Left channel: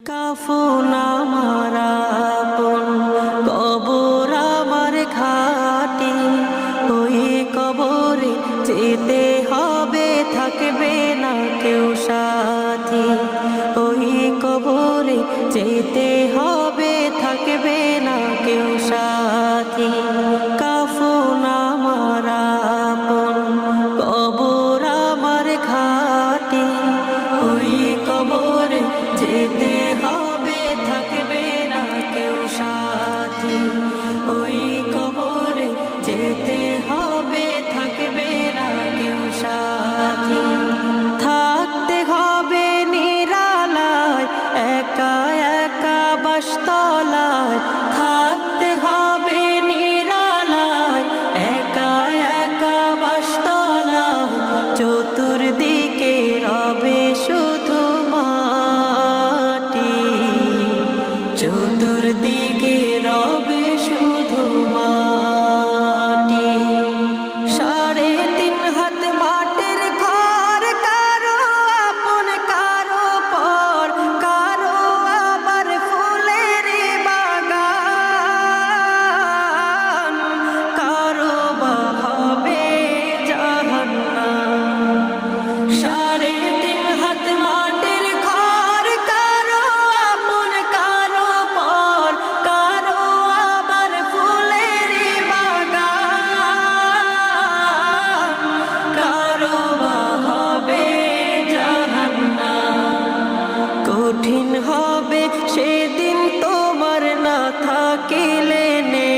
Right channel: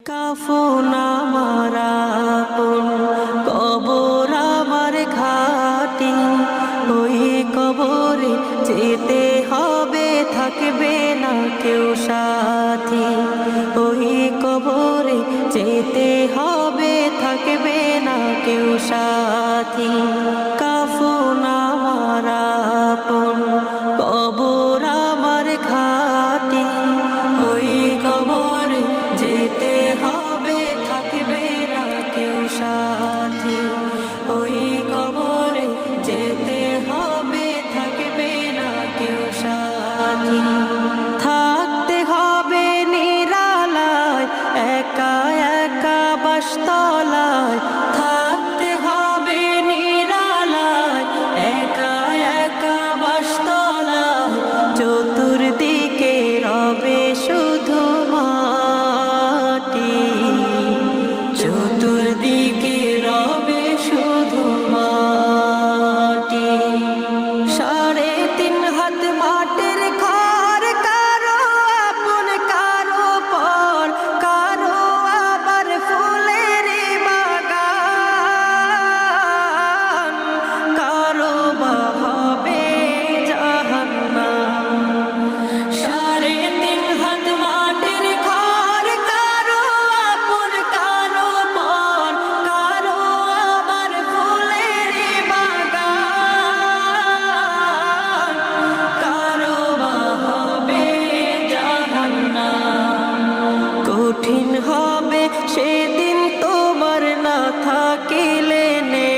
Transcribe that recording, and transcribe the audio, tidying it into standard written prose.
কাফন আমার আপন, কবর আমার ঘাটি, ওই কবরে যেতে হবে, থাকবে না কেউ সাথী। ওই কবরে যেতে হবে, থাকবে না কেউ সাথী। কাফন আমার আপন, কবর আমার ঘাটি, ওই কবরে যেতে হবে, থাকবে না কেউ সাথী। ওই কবরে যেতে হবে, থাকবে না কেউ সাথী। থাকতে হবে নিরালায়, একা একা বাসতলায়। থাকতে হবে নিরালায়, একা একা বাসতলায়। চতুর্দিকে রবে শুধু মাটি, চতুর্দিকে রবে শুধু মাটি। 3.5 হাত মাটির ঘর, কারো আপন কারো পর, কারো আবার ফুলের বাগান, কারো বা হবে জাহান্নাম। 3.5 হাত মাটির ঘর, কারো আপন কারো পর, কারো আবার ফুলের বাগান, কারো বা হবে জাহান্নাম। কঠিন হবে সেদিন তোমার না থাকিলে নে